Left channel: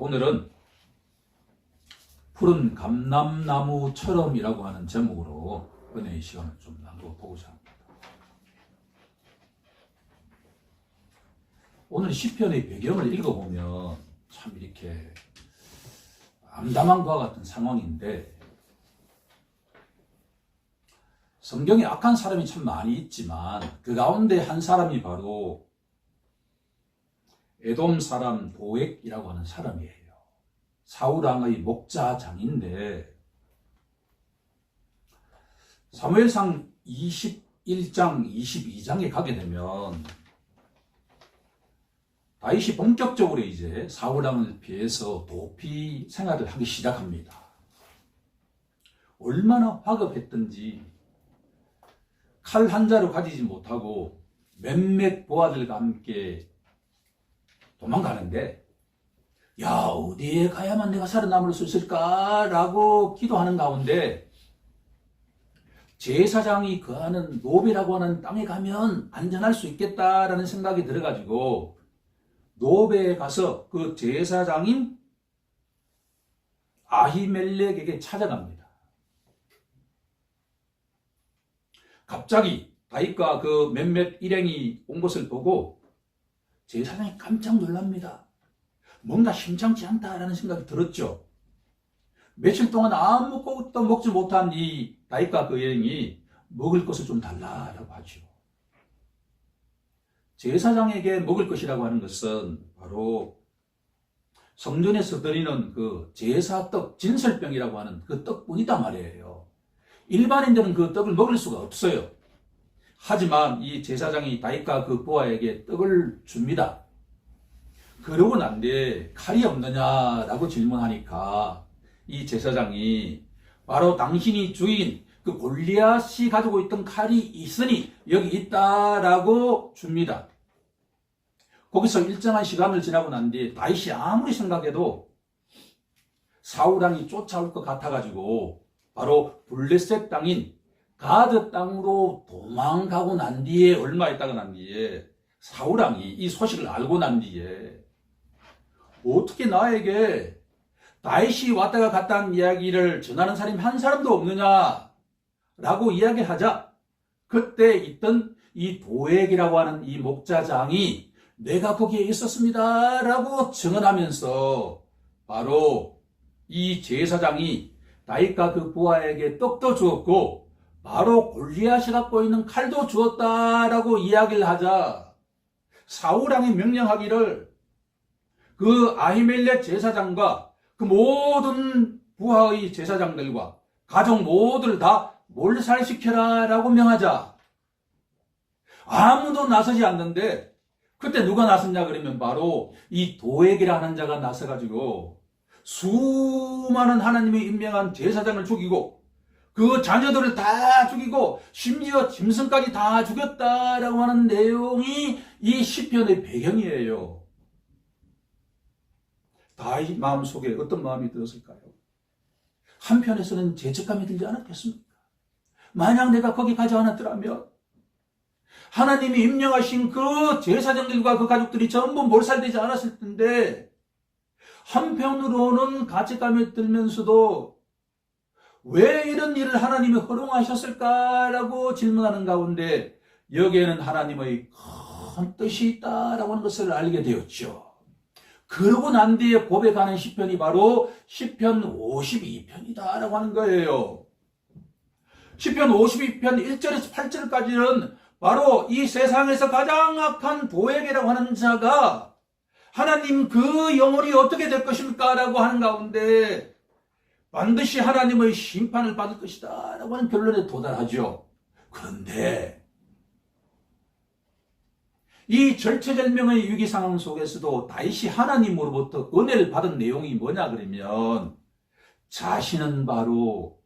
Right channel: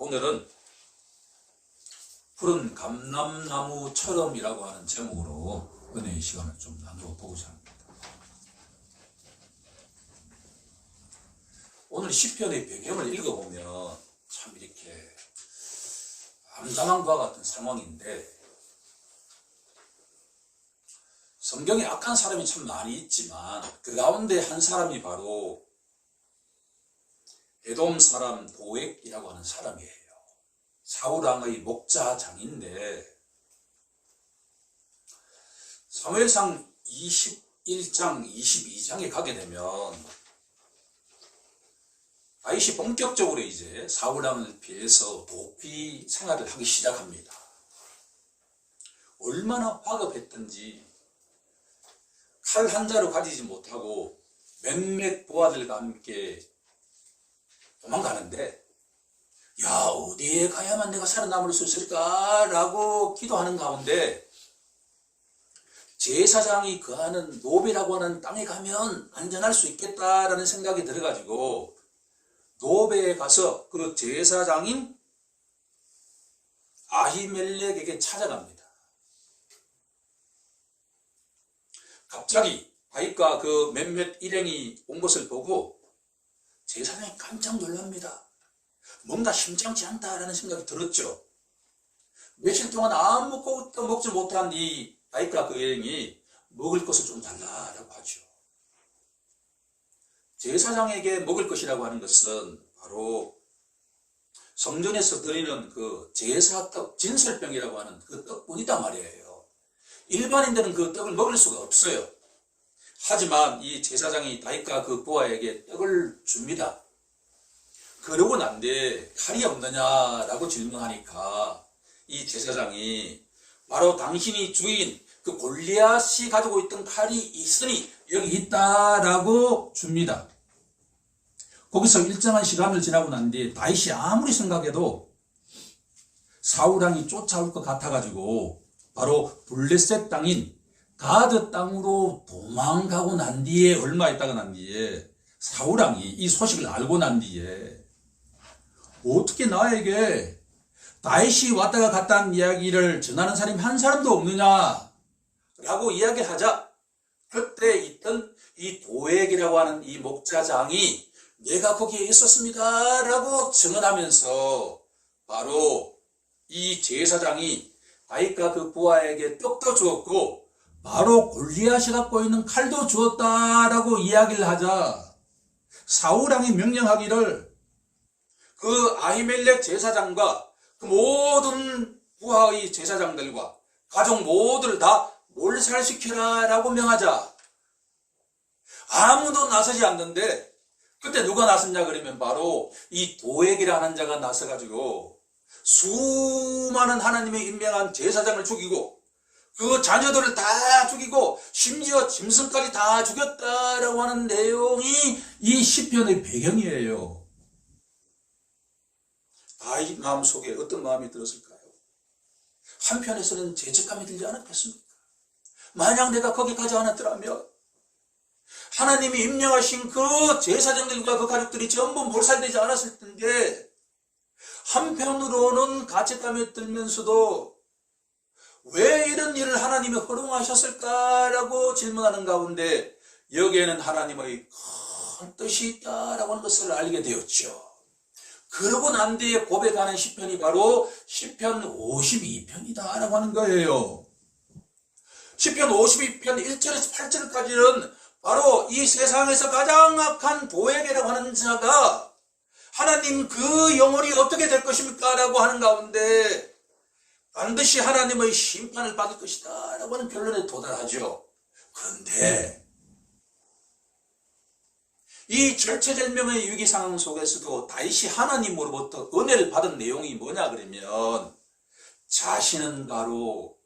오늘은 푸른 감람나무처럼이라고 하는 제목으로 은혜의 시간을 좀 나누어 보고자 합니다. 오늘 시편의 배경을 읽어보면 참 이렇게 암담한 것과 같은 상황인데, 성경에 악한 사람이 참 많이 있지만 그 가운데 한 사람이 바로 에돔 사람 도액이라고 하는 사람이에요. 사울 왕의 목자장인데, 사무엘상 21장 22장에 가게 되면 다윗이 본격적으로 이제 사울 왕을 피해서 도피 생활을 하기 시작합니다. 얼마나 화급했던지 칼 한 자루 가지지 못하고 몇몇 부하들과 함께 도망가는데, 야, 어디에 가야만 내가 살아남을 수 있을까라고 기도하는 가운데 제사장이 거하는 노베라고 하는 땅에 가면 안전할 수 있겠다라는 생각이 들어가지고 노베에 가서 그 제사장인 아히멜렉에게 찾아갑니다. 갑자기 다윗과 그 몇몇 일행이 온 것을 보고 제사장이 깜짝 놀랍니다. 뭔가 심상치 않다라는 생각이 들었죠. 며칠 동안 아무것도 먹지 못한 이 다윗과 그 일행이 먹을 것을 좀 달라라고 하죠. 제사장에게 먹을 것이라고 하는 것은 바로 성전에서 드리는 그 제사떡, 진설병이라고 하는 그 떡뿐이단 말이에요. 일반인들은 그 떡을 먹을 수가 없어요. 하지만 이 제사장이 다윗과 그 부하에게 떡을 줍니다. 그러고 난 뒤에 칼이 없느냐라고 질문하니까 이 제사장이 바로 당신이 주인 그 골리앗이 가지고 있던 칼이 있으니 여기 있다라고 줍니다. 거기서 일정한 시간을 지나고 난 뒤에 다윗이 아무리 생각해도 사울 왕이 쫓아올 것 같아가지고 바로 블레셋 땅인 가드 땅으로 도망가고 난 뒤에, 얼마 있다가 난 뒤에 사울 왕이 이 소식을 알고 난 뒤에 어떻게 나에게 다윗이 왔다가 갔다는 이야기를 전하는 사람이 한 사람도 없느냐라고 이야기하자, 그때 있던 이 도액이라고 하는 이 목자장이 내가 거기에 있었습니다라고 증언하면서 바로 이 제사장이 다윗과 그 부하에게 떡도 주었고 바로 골리앗이 갖고 있는 칼도 주었다라고 이야기를 하자, 사울 왕이 명령하기를 그 아히멜렉 제사장과 그 모든 부하의 제사장들과 가족 모두를 다 몰살시켜라 라고 명하자 아무도 나서지 않는데, 그때 누가 나섰냐 그러면 바로 이 도액이라는 자가 나서가지고 수많은 하나님의 임명한 제사장을 죽이고 그 자녀들을 다 죽이고 심지어 짐승까지 다 죽였다라고 하는 내용이 이 시편의 배경이에요. 다윗 마음속에 어떤 마음이 들었을까요? 한편에서는 죄책감이 들지 않았겠습니까? 만약 내가 거기 가지 않았더라면 하나님이 임명하신 그 제사장들과 그 가족들이 전부 몰살되지 않았을 텐데, 한편으로는 가책감이 들면서도 왜 이런 일을 하나님이 허용하셨을까라고 질문하는 가운데 여기에는 하나님의 큰 뜻이 있다라고 하는 것을 알게 되었죠. 그러고 난 뒤에 고백하는 시편이 바로 시편 52편이다라고 하는 거예요. 시편 52편 1절에서 8절까지는 바로 이 세상에서 가장 악한 도액이라고 하는 자가 하나님 그 영혼이 어떻게 될 것입니까? 라고 하는 가운데 반드시 하나님의 심판을 받을 것이다 라고 하는 결론에 도달하죠. 그런데 이 절체절명의 위기 상황 속에서도 다윗이 하나님으로부터 은혜를 받은 내용이 뭐냐 그러면 자신은 바로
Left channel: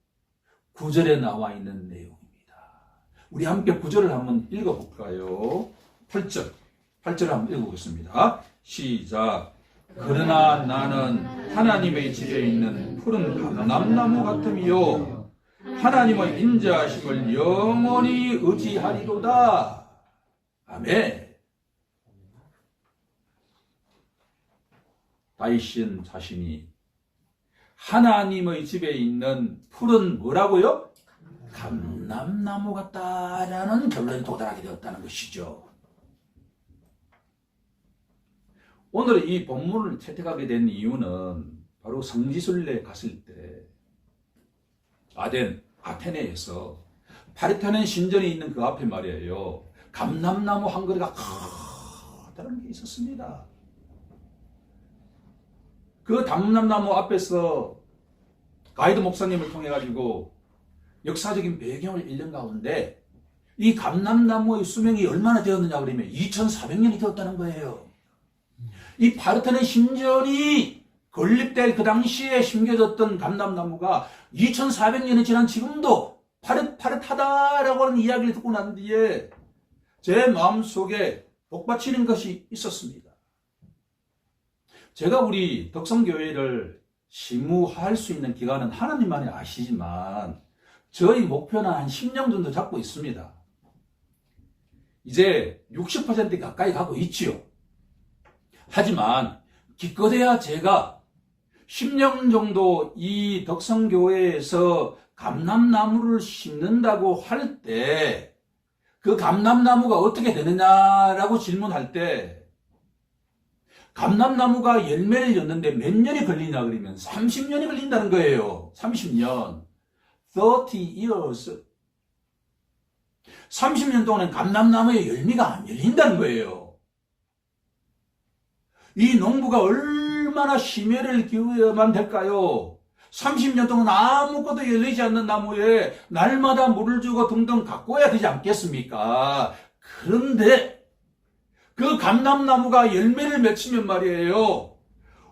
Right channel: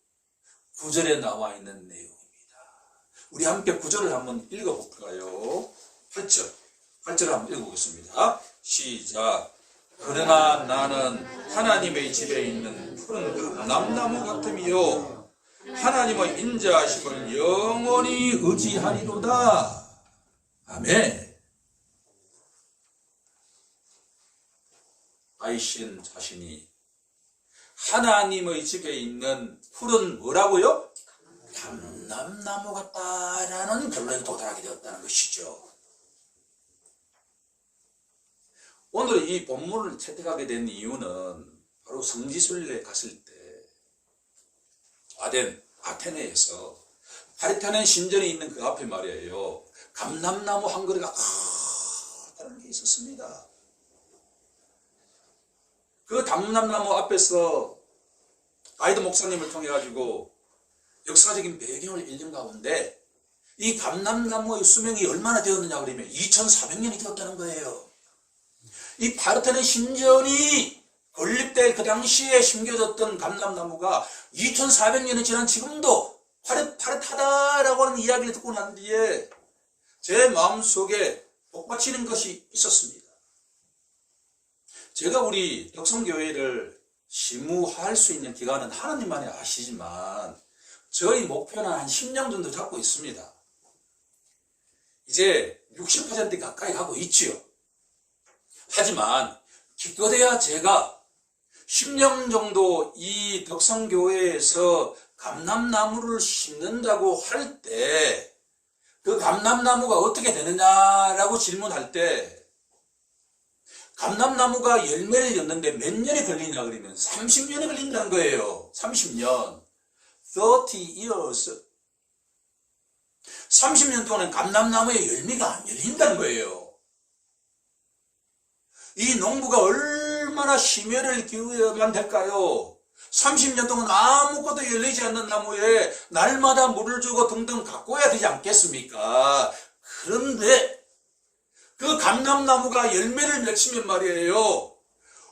9절에 나와 있는 내용입니다. 우리 함께 9절을 한번 읽어볼까요? 8절을 한번 읽어보겠습니다. 시작. 그러나 나는 하나님의 집에 있는 푸른 감람나무 같으며 하나님의 인자하심을 영원히 의지하리로다. 아멘. 다윗은 자신이 하나님의 집에 있는 풀은 뭐라고요? 감람나무 같다라는 결론에 도달하게 되었다는 것이죠. 오늘 이 본문을 채택하게 된 이유는 바로 성지순례에 갔을 때 아테네에서 파르테논 신전이 있는 그 앞에 말이에요. 감람나무 한 그루가 커다란 게 있었습니다. 그 감람나무 앞에서 가이드 목사님을 통해 가지고 역사적인 배경을 읽는 가운데 이 감람나무의 수명이 얼마나 되었느냐 그러면 2400년이 되었다는 거예요. 이 파르테논 신전이 건립될 그 당시에 심겨졌던 감람나무가 2400년이 지난 지금도 파릇파릇하다라고 하는 이야기를 듣고 난 뒤에 제 마음속에 복받치는 것이 있었습니다. 제가 우리 덕성교회를 심무할 수 있는 기간은 하나님만이 아시지만 저희 목표는 한 10년 정도 잡고 있습니다. 이제 60% 가까이 가고 있지요. 하지만 기껏해야 제가 10년 정도 이 덕성교회에서 감람나무를 심는다고 할 때 그 감람나무가 어떻게 되느냐라고 질문할 때 감람나무가 열매를 였는데 몇 년이 걸리냐 그러면 30년이 걸린다는 거예요. 30년. 30 years. 30년 동안은 감람나무에 열매가 안 열린다는 거예요. 이 농부가 얼마나 심혈을 기울여야만 될까요? 30년 동안 아무것도 열리지 않는 나무에 날마다 물을 주고 등등 가꿔야 되지 않겠습니까? 그런데 그 감람나무가 열매를 맺히면 말이에요.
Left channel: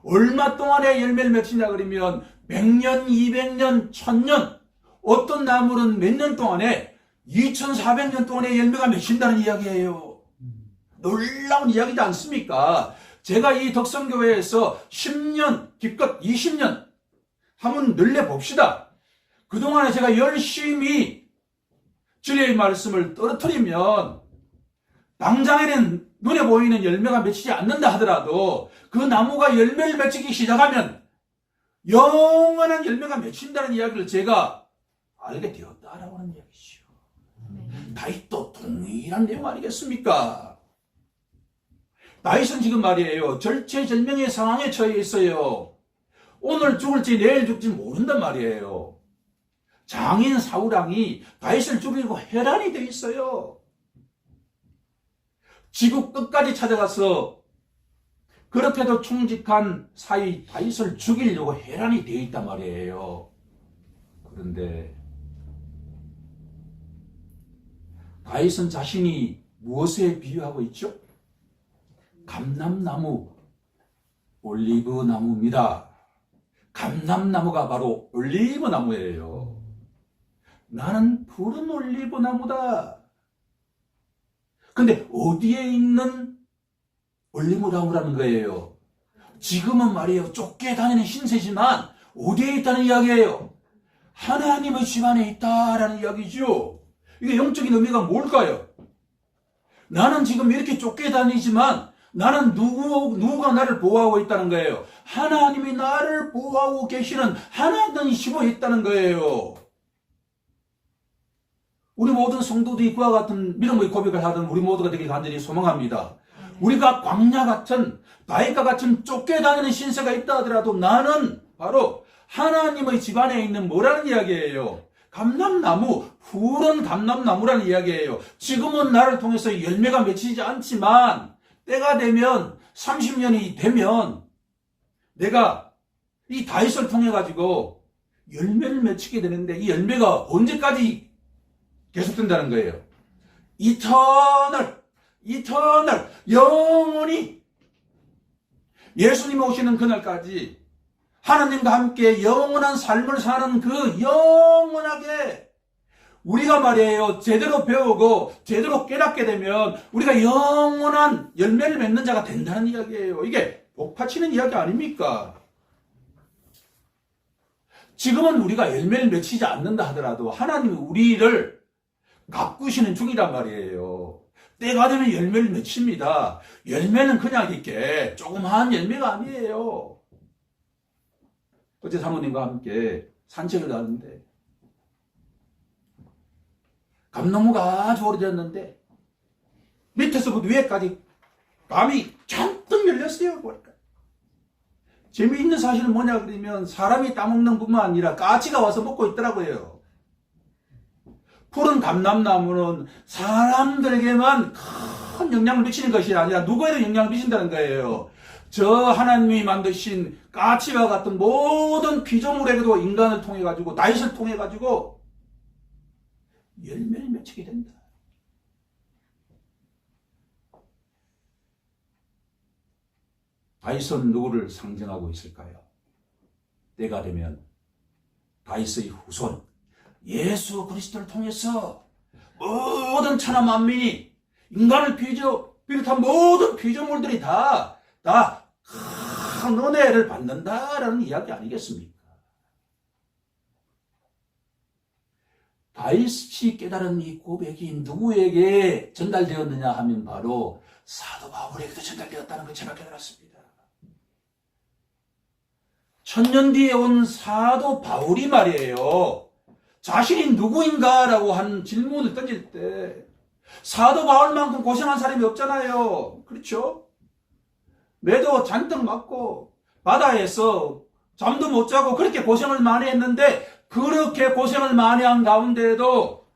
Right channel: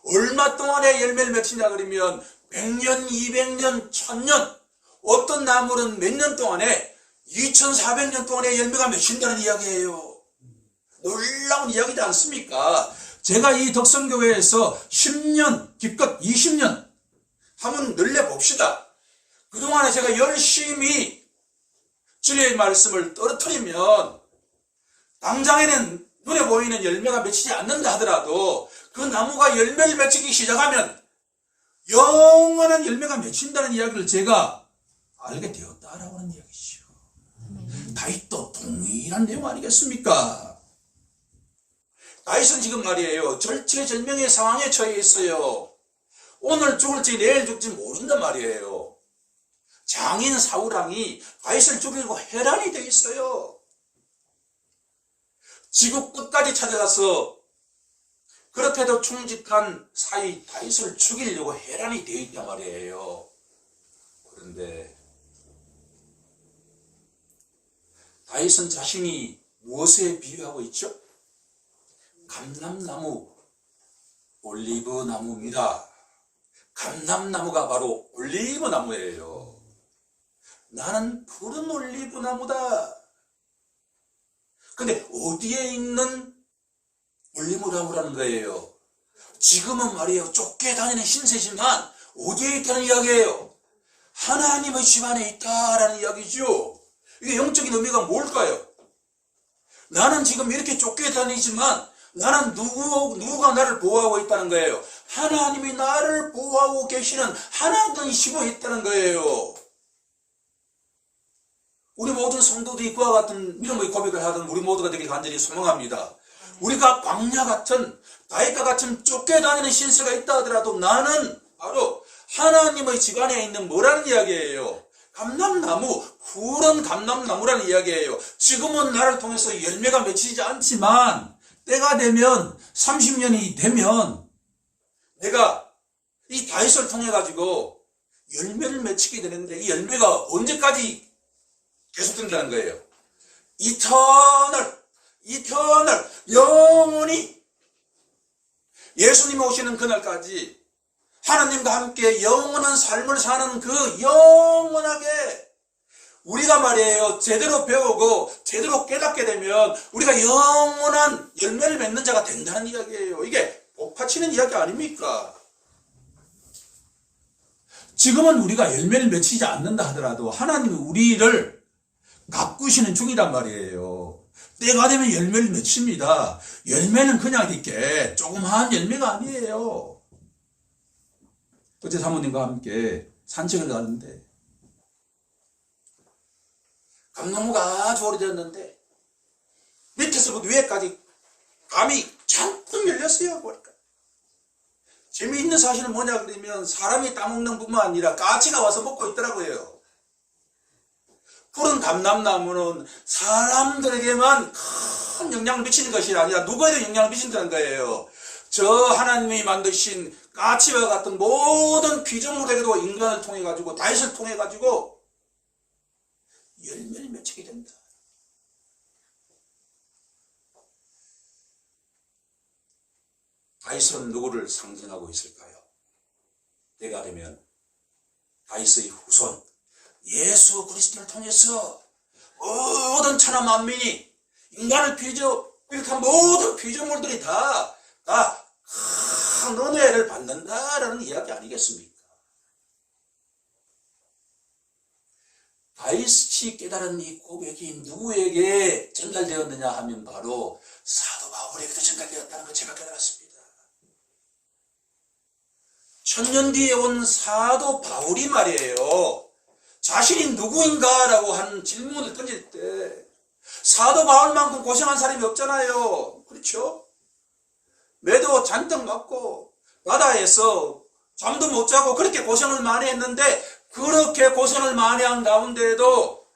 얼마 동안에 열매를 맺히냐 그러면 100년, 200년, 1000년, 어떤 나무는 몇 년 동안에 2400년 동안에 열매가 맺힌다는 이야기예요. 놀라운 이야기지 않습니까? 제가 이 덕성교회에서 10년, 기껏 20년 한번 늘려봅시다. 그동안에 제가 열심히 진리의 말씀을 떨어뜨리면 당장에는 눈에 보이는 열매가 맺히지 않는다 하더라도 그 나무가 열매를 맺히기 시작하면 영원한 열매가 맺힌다는 이야기를 제가 알게 되었다라고 하는 이야기죠. 다윗도 동일한 내용 아니겠습니까? 다윗은 지금 말이에요. 절체절명의 상황에 처해 있어요. 오늘 죽을지 내일 죽을지 모른단 말이에요. 장인 사울왕이 다윗을 죽이고 혈안이 돼 있어요. 지구 끝까지 찾아가서 그렇게도 충직한 사위 다윗을 죽이려고 혈안이 되어 있단 말이에요. 그런데 다윗은 자신이 무엇에 비유하고 있죠? 감람나무, 올리브 나무입니다. 감람나무가 바로 올리브 나무예요. 나는 푸른 올리브 나무다. 근데 어디에 있는 올리브 나무라는 거예요? 지금은 말이에요. 쫓겨다니는 신세지만 어디에 있다는 이야기예요? 하나님의 집 안에 있다라는 이야기죠. 이게 영적인 의미가 뭘까요? 나는 지금 이렇게 쫓겨다니지만 나는 누가 나를 보호하고 있다는 거예요. 하나님이 나를 보호하고 계시는 하나님이 집에 있다는 거예요. 우리 모든 성도들이 그와 같은 믿음의 고백을 하던 우리 모두가 되길 간절히 소망합니다. 우리가 광야 같은 바위과 같은 쫓겨다니는 신세가 있다 하더라도 나는 바로 하나님의 집 안에 있는 뭐라는 이야기예요? 감람나무, 푸른 감람나무라는 이야기예요. 지금은 나를 통해서 열매가 맺히지 않지만 때가 되면 30년이 되면 내가 이 다윗을 통해 가지고 열매를 맺히게 되는데 이 열매가 언제까지 계속된다는 거예요? 이터널, 영원히 예수님이 오시는 그날까지 하나님과 함께 영원한 삶을 사는 그 영원하게 우리가 말이에요. 제대로 배우고 제대로 깨닫게 되면 우리가 영원한 열매를 맺는 자가 된다는 이야기예요. 이게 복받치는 이야기 아닙니까? 지금은 우리가 열매를 맺히지 않는다 하더라도 하나님이 우리를 가꾸시는 중이란 말이에요. 때가 되면 열매를 맺힙니다. 열매는 그냥 이렇게 조그마한 열매가 아니에요. 어제 사모님과 함께 산책을 가는데 감나무가 아주 오래됐는데 밑에서부터 위에까지 감이 잔뜩 열렸어요. 보니까 재미있는 사실은 뭐냐 그러면 사람이 따먹는 뿐만 아니라 까치가 와서 먹고 있더라고요. 푸른 감람나무는 사람들에게만 큰 영향을 미치는 것이 아니라 누구에도 영향을 미친다는 거예요. 저 하나님이 만드신 까치와 같은 모든 피조물에게도 인간을 통해 가지고 다윗을 통해 가지고 열매를 맺히게 된다. 다윗은 누구를 상징하고 있을까요? 때가 되면 다윗의 후손 예수 그리스도를 통해서 모든 천하 만민이 인간을 비롯한 모든 피조물들이 다 큰 은혜를 받는다라는 이야기 아니겠습니까? 다윗이 깨달은 이 고백이 누구에게 전달되었느냐 하면 바로 사도 바울에게도 전달되었다는 걸 제가 깨달았습니다. 1000년 뒤에 온 사도 바울이 말이에요. 자신이 누구인가라고 하는 질문을 던질 때 사도 바울만큼 고생한 사람이 없잖아요. 그렇죠? 매도 잔뜩 맞고 바다에서 잠도 못 자고 그렇게 고생을 많이 했는데 그렇게 고생을 많이 한 가운데에도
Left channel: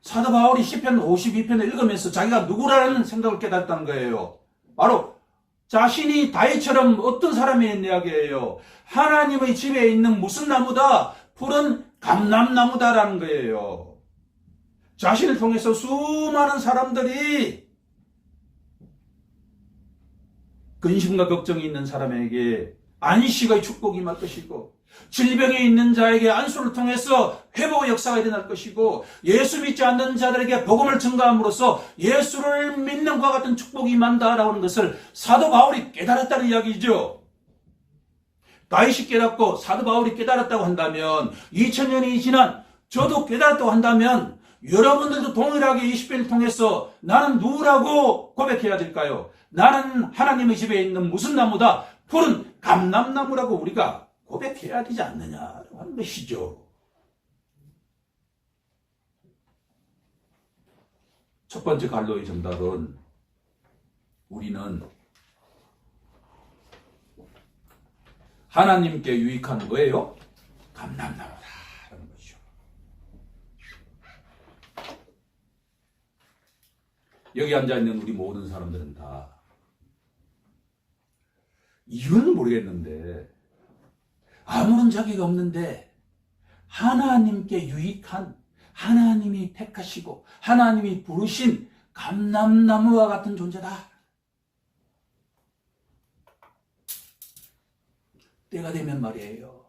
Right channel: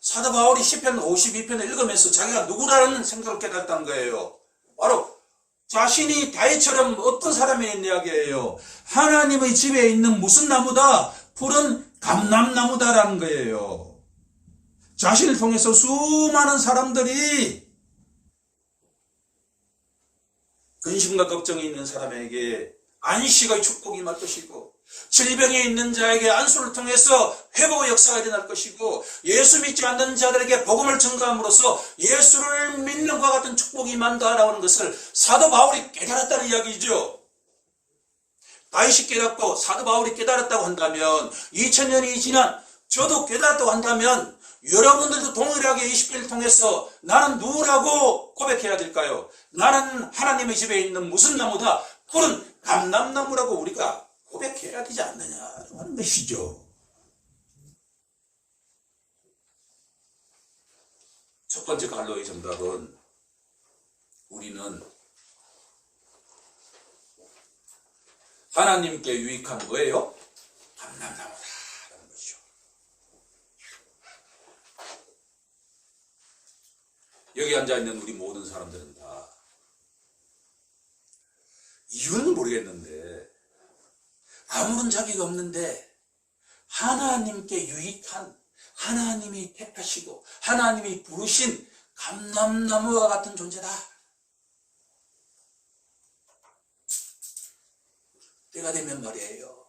사도 바울이 시편 52편을 읽으면서 자기가 누구라는 생각을 깨달았다는 거예요. 바로 자신이 다윗처럼 어떤 사람이란 이야기예요. 하나님의 집에 있는 무슨 나무다? 푸른 감람나무다라는 거예요. 자신을 통해서 수많은 사람들이 근심과 걱정이 있는 사람에게 안식의 축복이 임할 것이고 질병에 있는 자에게 안수를 통해서 회복의 역사가 일어날 것이고 예수 믿지 않는 자들에게 복음을 증거함으로써 예수를 믿는 것과 같은 축복이 임한다라고 하는 것을 사도 바울이 깨달았다는 이야기죠. 다윗이 깨닫고 사도 바울이 깨달았다고 한다면 2000년이 지난 저도 깨달았다고 한다면 여러분들도 동일하게 이 시편을 통해서 나는 누구라고 고백해야 될까요? 나는 하나님의 집에 있는 무슨 나무다? 푸른 감람나무라고 우리가 고백해야 되지 않느냐라고 하는 것이죠. 첫 번째 갈로의 정답은 우리는 하나님께 유익한 뭐예요? 감람나무다. 여기 앉아있는 우리 모든 사람들은 다 이유는 모르겠는데 아무런 자기가 없는데 하나님께 유익한 하나님이 택하시고 하나님이 부르신 감람나무와 같은 존재다. 때가 되면 말이에요.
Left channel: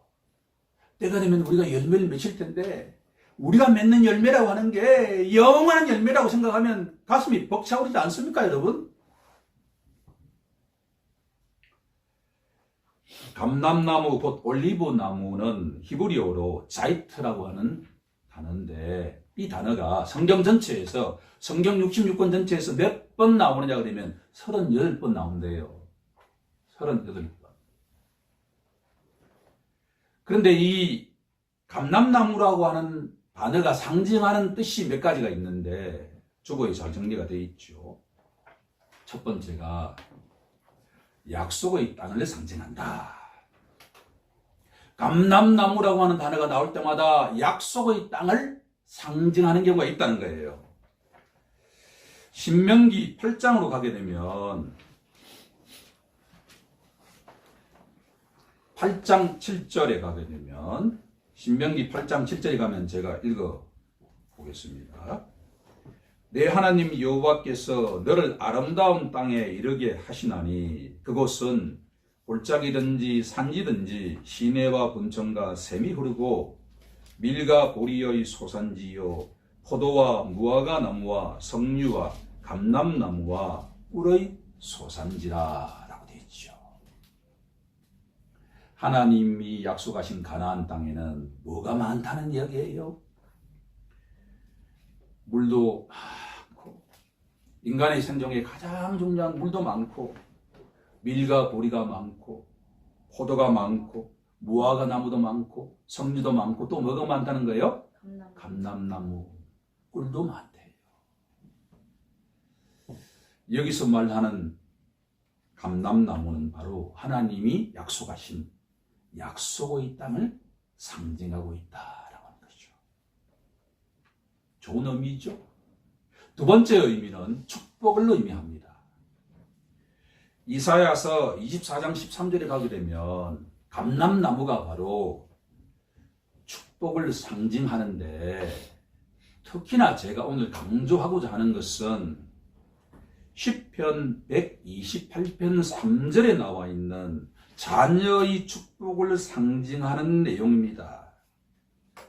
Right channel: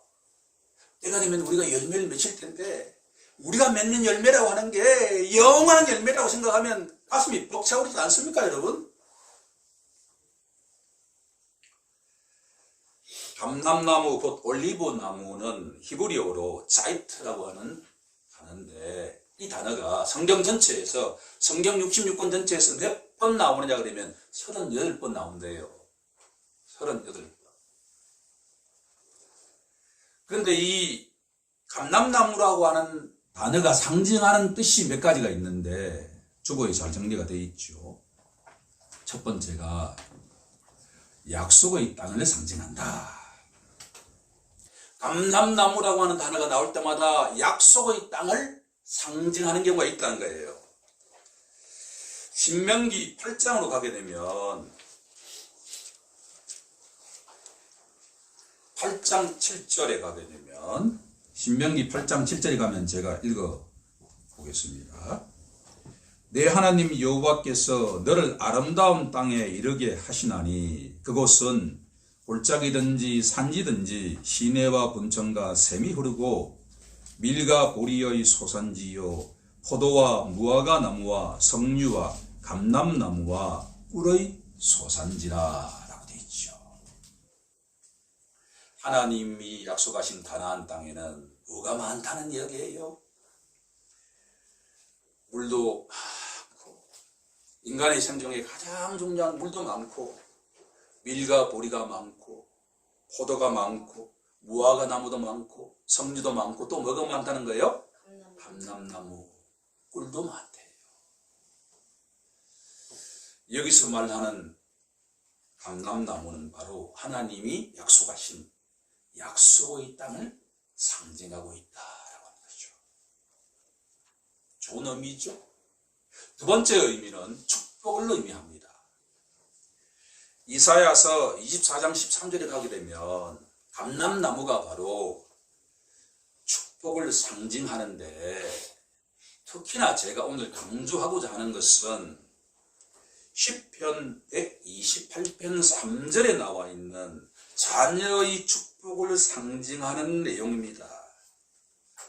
때가 되면 우리가 열매를 맺힐 텐데 우리가 맺는 열매라고 하는 게 영원한 열매라고 생각하면 가슴이 벅차오르지 않습니까, 여러분? 감람나무, 곧 올리브나무는 히브리어로 자이트라고 하는 단어인데 이 단어가 성경 전체에서 성경 66권 전체에서 몇 번 나오느냐 그러면 38번 나온대요. 38번. 그런데 이 감람나무라고 하는 단어가 상징하는 뜻이 몇 가지가 있는데 주보에 잘 정리가 되어 있죠. 첫 번째가 약속의 땅을 상징한다. 감람나무라고 하는 단어가 나올 때마다 약속의 땅을 상징하는 경우가 있다는 거예요. 신명기 8장으로 가게 되면 8장 7절에 가게 되면 신명기 8장 7절에 가면 제가 읽어보겠습니다. 내 하나님 여호와께서 너를 아름다운 땅에 이르게 하시나니 그곳은 골짜기든지 산지든지 시내와 분천과 샘이 흐르고 밀과 보리의 소산지요 포도와 무화과 나무와 석류와 감람나무와 꿀의 소산지라 라고 되어 있죠. 하나님이 약속하신 가나안 땅에는 뭐가 많다는 이야기예요? 물도 많고 인간의 생존에 가장 중요한 물도 많고 밀과 보리가 많고 포도가 많고 무화과 나무도 많고 석류도 많고 또 뭐가 많다는 거예요? 감람나무, 꿀도 많대요. 여기서 말하는 감람나무는 바로 하나님이 약속하신 약속의 땅을 상징하고 있다라고 하는 것이죠. 좋은 의미죠. 두 번째 의미는 축복을 의미합니다. 이사야서 24장 13절에 가게 되면 감람나무가 바로 축복을 상징하는데, 특히나 제가 오늘 강조하고자 하는 것은 시편 128편 3절에 나와 있는 자녀의 축복을 상징하는 내용입니다.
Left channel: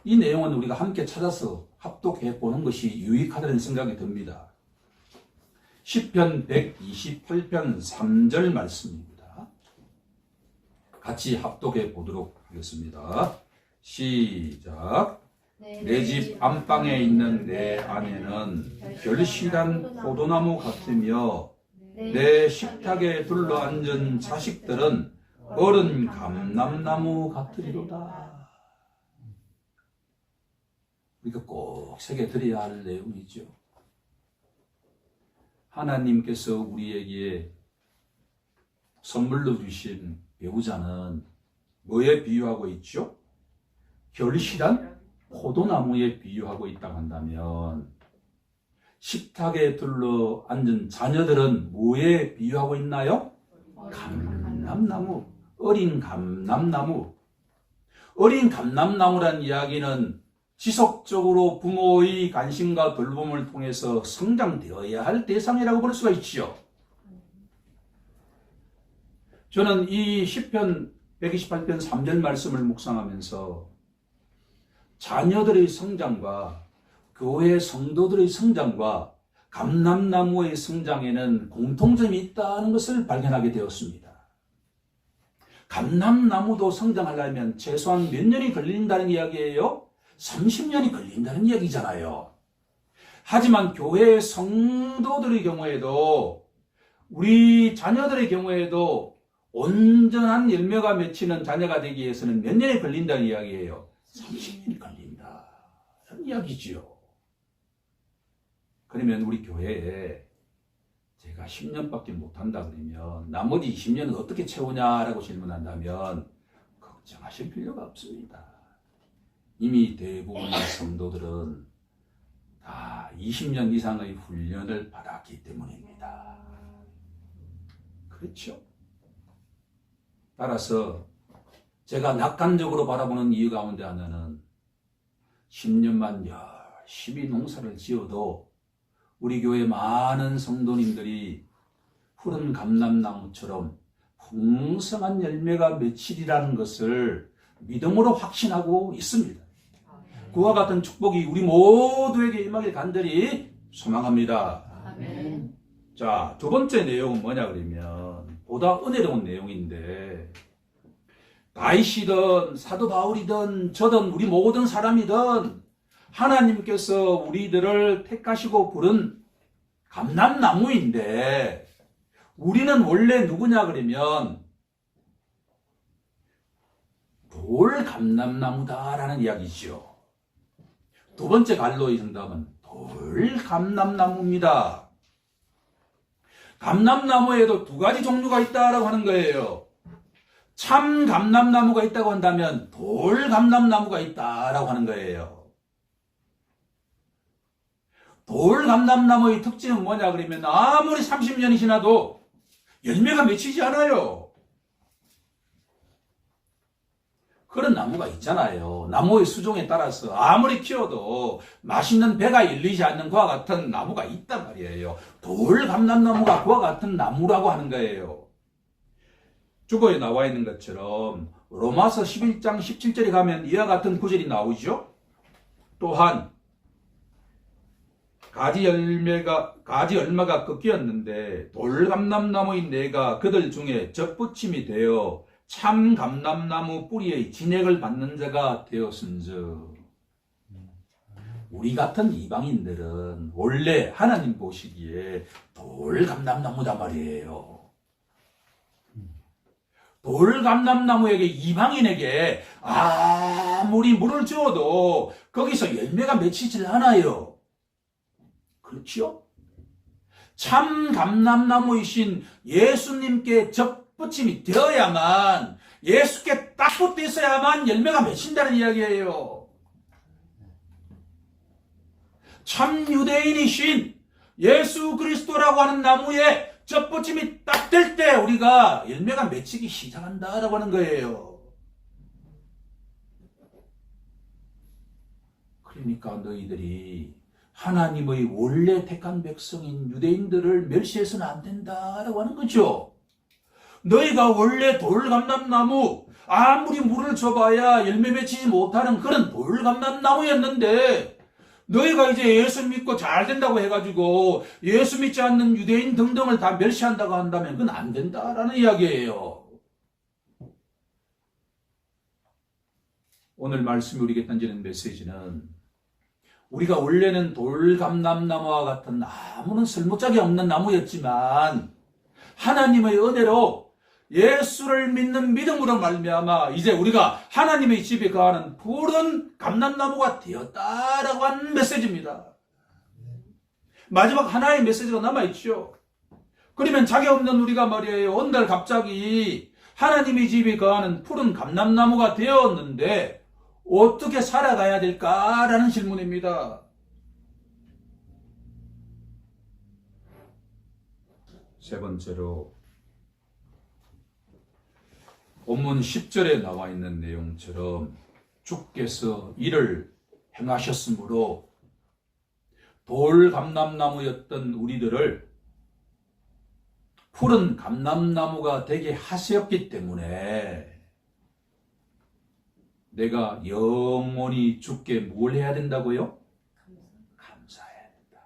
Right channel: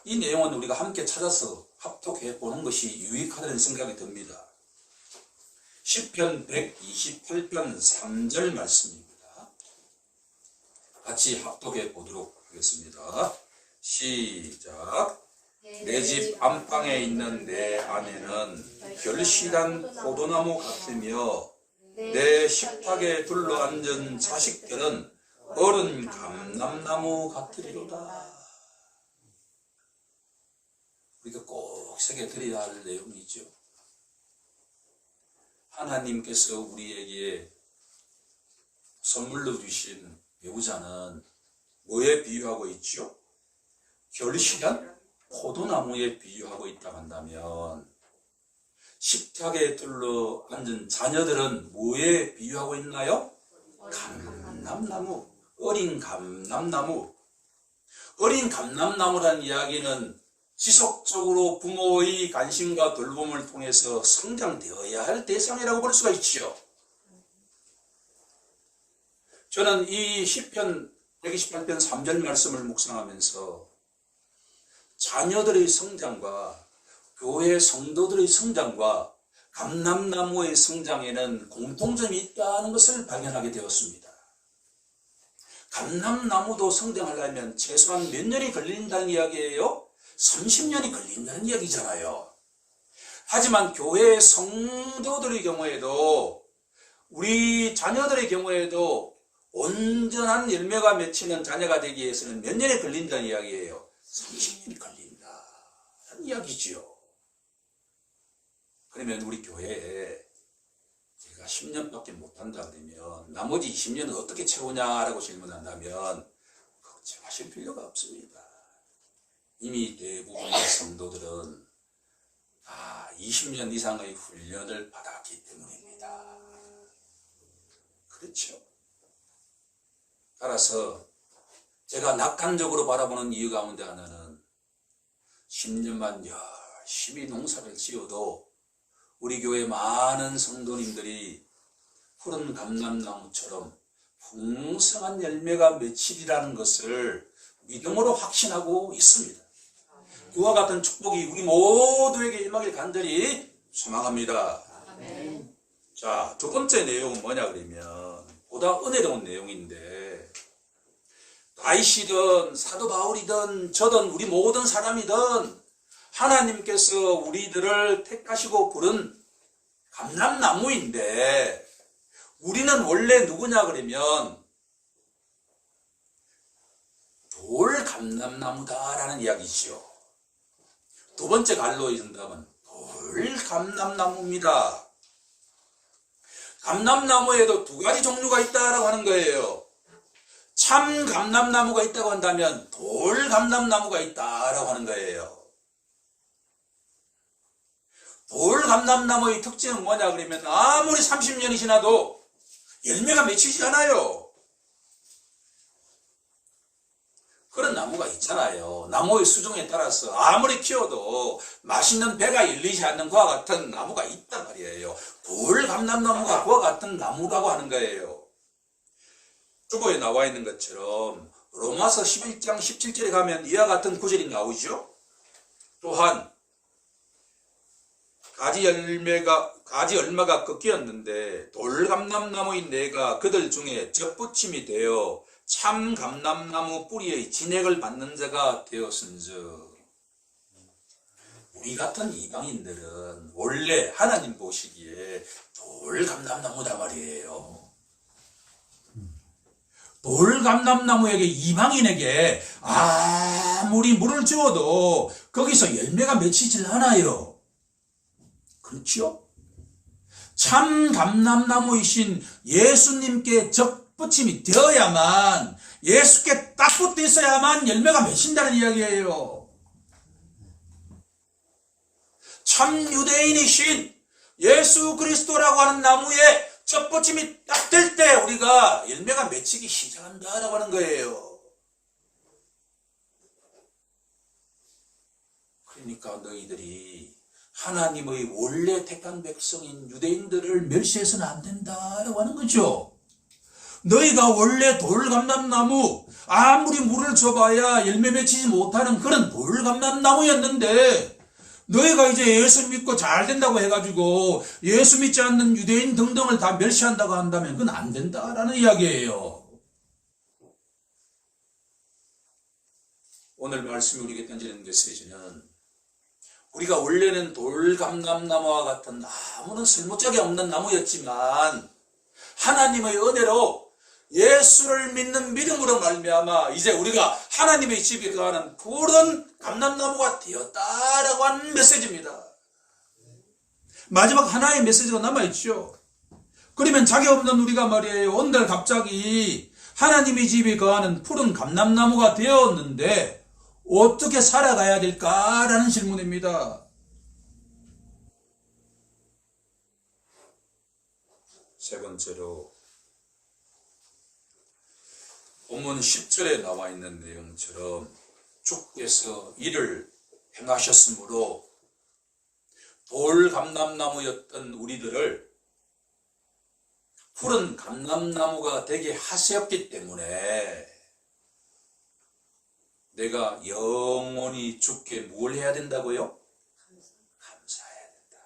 이 내용은 우리가 함께 찾아서 합독해 보는 것이 유익하다는 생각이 듭니다. 시편 128편 3절 말씀입니다. 같이 합독해 보도록 하겠습니다. 시작. 내 집 안방에 있는 내 아내는 결실한 포도나무 같으며 내 식탁에 둘러앉은 자식들은 어른 감람나무 같으리로다. 우리가 꼭 새겨드려야 할 내용이죠. 하나님께서 우리에게 선물로 주신 배우자는 뭐에 비유하고 있죠? 결실한 포도나무에 비유하고 있다고 한다면, 식탁에 둘러 앉은 자녀들은 뭐에 비유하고 있나요? 감람나무, 어린 감람나무. 어린 감람나무란 이야기는 지속적으로 부모의 관심과 돌봄을 통해서 성장되어야 할 대상이라고 볼 수가 있지요. 저는 이 시편 128편 3절 말씀을 묵상하면서 자녀들의 성장과 교회 성도들의 성장과 감람나무의 성장에는 공통점이 있다는 것을 발견하게 되었습니다. 감람나무도 성장하려면 최소한 몇 년이 걸린다는 이야기예요? 30년이 걸린다는 이야기잖아요. 하지만 교회 성도들의 경우에도, 우리 자녀들의 경우에도 온전한 열매가 맺히는 자녀가 되기 위해서는 몇 년이 걸린다는 이야기예요? 30년이 걸린다는 이야기지요. 그러면 우리 교회에 제가 10년밖에 못한다 그러면 나머지 20년은 어떻게 채우냐라고 질문한다면 걱정하실 필요가 없습니다. 이미 대부분의 성도들은 다 20년 이상의 훈련을 받았기 때문입니다. 그렇죠? 따라서 제가 낙관적으로 바라보는 이유 가운데 하나는 10년만 열심히 농사를 지어도 우리 교회 많은 성도님들이 푸른 감람나무처럼 풍성한 열매가 맺히리라는 것을 믿음으로 확신하고 있습니다. 그와 같은 축복이 우리 모두에게 임하길 간절히 소망합니다. 아멘. 자, 두 번째 내용은 뭐냐 그러면 보다 은혜로운 내용인데, 다윗이든 사도 바울이든 저든 우리 모든 사람이든 하나님께서 우리들을 택하시고 부른 감람나무인데, 우리는 원래 누구냐 그러면 돌 감람나무다라는 이야기죠. 두 번째 갈로의 정답은 돌 감람나무입니다. 감람나무에도 두 가지 종류가 있다라고 하는 거예요. 참 감람나무가 있다고 한다면 돌 감람나무가 있다라고 하는 거예요. 돌 감람나무의 특징은 뭐냐 그러면 아무리 30년이 지나도 열매가 맺히지 않아요. 그런 나무가 있잖아요. 나무의 수종에 따라서 아무리 키워도 맛있는 배가 열리지 않는 그와 같은 나무가 있단 말이에요. 돌 감람나무가 그와 같은 나무라고 하는 거예요. 주보에 나와 있는 것처럼 로마서 11장 17절에 가면 이와 같은 구절이 나오죠. 또한 가지 얼마가 꺾였는데 돌 감람나무인 내가 그들 중에 접붙임이 되어 참 감람나무 뿌리의 진액을 받는 자가 되었은즉, 우리 같은 이방인들은 원래 하나님 보시기에 돌 감람나무다 말이에요. 돌감람나무에게 이방인에게 아무리 물을 주어도 거기서 열매가 맺히질 않아요. 그렇죠? 참 감람나무이신 예수님께 접붙임이 되어야만, 예수께 딱 붙어 있어야만 열매가 맺힌다는 이야기예요. 참 유대인이신 예수 그리스도라고 하는 나무에 접붙임이 딱 될 때 우리가 열매가 맺히기 시작한다라고 하는 거예요. 그러니까 너희들이 하나님의 원래 택한 백성인 유대인들을 멸시해서는 안 된다라고 하는 거죠. 너희가 원래 돌감람나무, 아무리 물을 줘봐야 열매 맺히지 못하는 그런 돌감람나무였는데, 너희가 이제 예수 믿고 잘 된다고 해가지고 예수 믿지 않는 유대인 등등을 다 멸시한다고 한다면 그건 안 된다라는 이야기예요. 오늘 말씀이 우리에게 던지는 메시지는, 우리가 원래는 돌감람나무와 같은 아무런 쓸모짝이 없는 나무였지만 하나님의 은혜로 예수를 믿는 믿음으로 말미암아 이제 우리가 하나님의 집에 거하는 푸른 감람나무가 되었다라고 하는 메시지입니다. 마지막 하나의 메시지가 남아있죠. 그러면 자기 없는 우리가 말이에요, 오늘 갑자기 하나님의 집에 거하는 푸른 감람나무가 되었는데 어떻게 살아가야 될까라는 질문입니다. 세 번째로, 본문 10절에 나와 있는 내용처럼 주께서 이를 행하셨으므로 돌감람나무였던 우리들을 푸른 감람나무가 되게 하셨기 때문에 내가 영원히 주께 뭘 해야 된다고요? 감사해야 된다.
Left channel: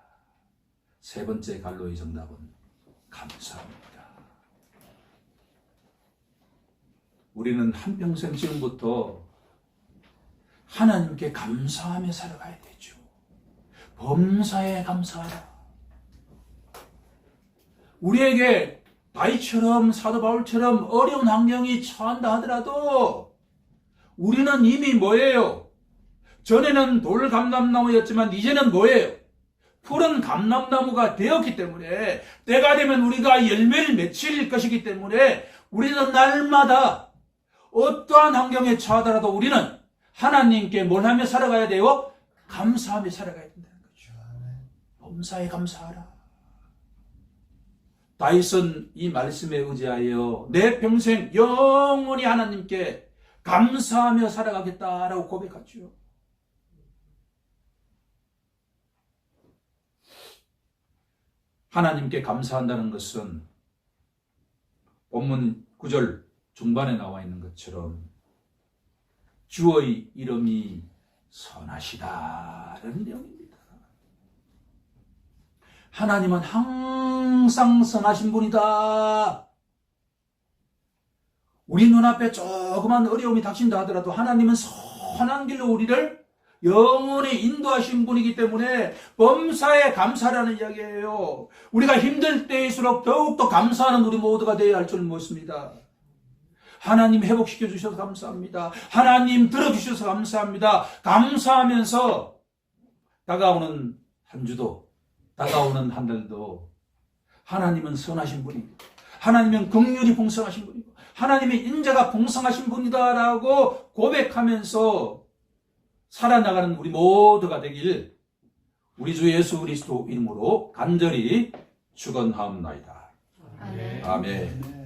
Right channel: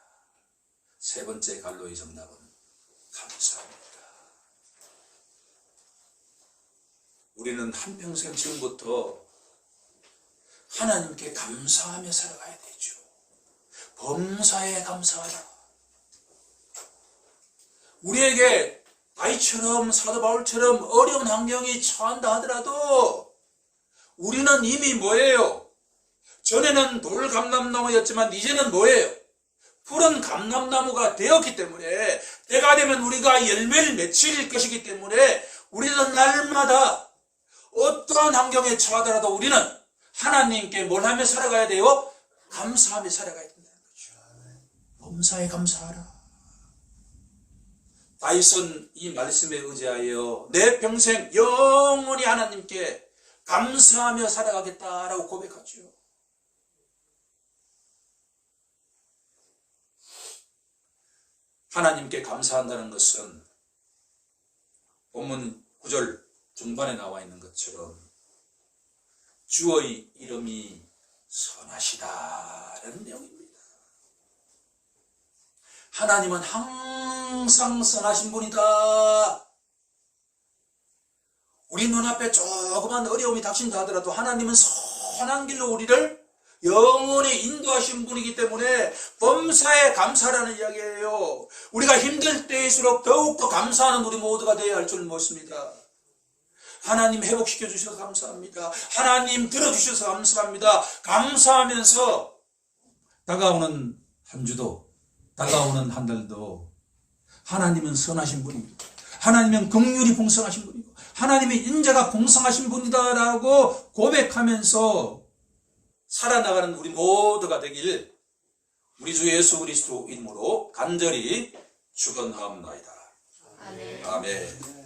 세 번째 갈로의 정답은 감사합니다. 우리는 한평생 지금부터 하나님께 감사하며 살아가야 되죠. 범사에 감사하라. 우리에게 다윗처럼, 사도 바울처럼 어려운 환경이 처한다 하더라도 우리는 이미 뭐예요? 전에는 돌감람나무였지만 이제는 뭐예요? 푸른 감람나무가 되었기 때문에, 때가 되면 우리가 열매를 맺힐 것이기 때문에 우리는 날마다 어떠한 환경에 처하더라도 우리는 하나님께 뭘 하며 살아가야 돼요? 감사하며 살아가야 된다는 거죠. 범사에 감사하라. 다윗은 이 말씀에 의지하여 내 평생 영원히 하나님께 감사하며 살아가겠다라고 고백하죠. 하나님께 감사한다는 것은 본문 9절 중반에 나와 있는 것처럼 주의 이름이 선하시다라는 내용입니다. 하나님은 항상 선하신 분이다. 우리 눈앞에 조그만 어려움이 닥친다 하더라도 하나님은 선한 길로 우리를 영원히 인도하신 분이기 때문에 범사에 감사라는 이야기예요. 우리가 힘들 때일수록 더욱더 감사하는 우리 모두가 되어야 할 줄 믿습니다. 하나님 회복시켜 주셔서 감사합니다. 하나님 들어주셔서 감사합니다. 감사하면서 다가오는 한 주도, 다가오는 한 달도 하나님은 선하신 분이고, 하나님은 긍휼이 풍성하신 분이고, 하나님의 인자가 풍성하신 분이다라고 고백하면서 살아나가는 우리 모두가 되길 우리 주 예수 그리스도 이름으로 간절히 축원하옵나이다. 아멘.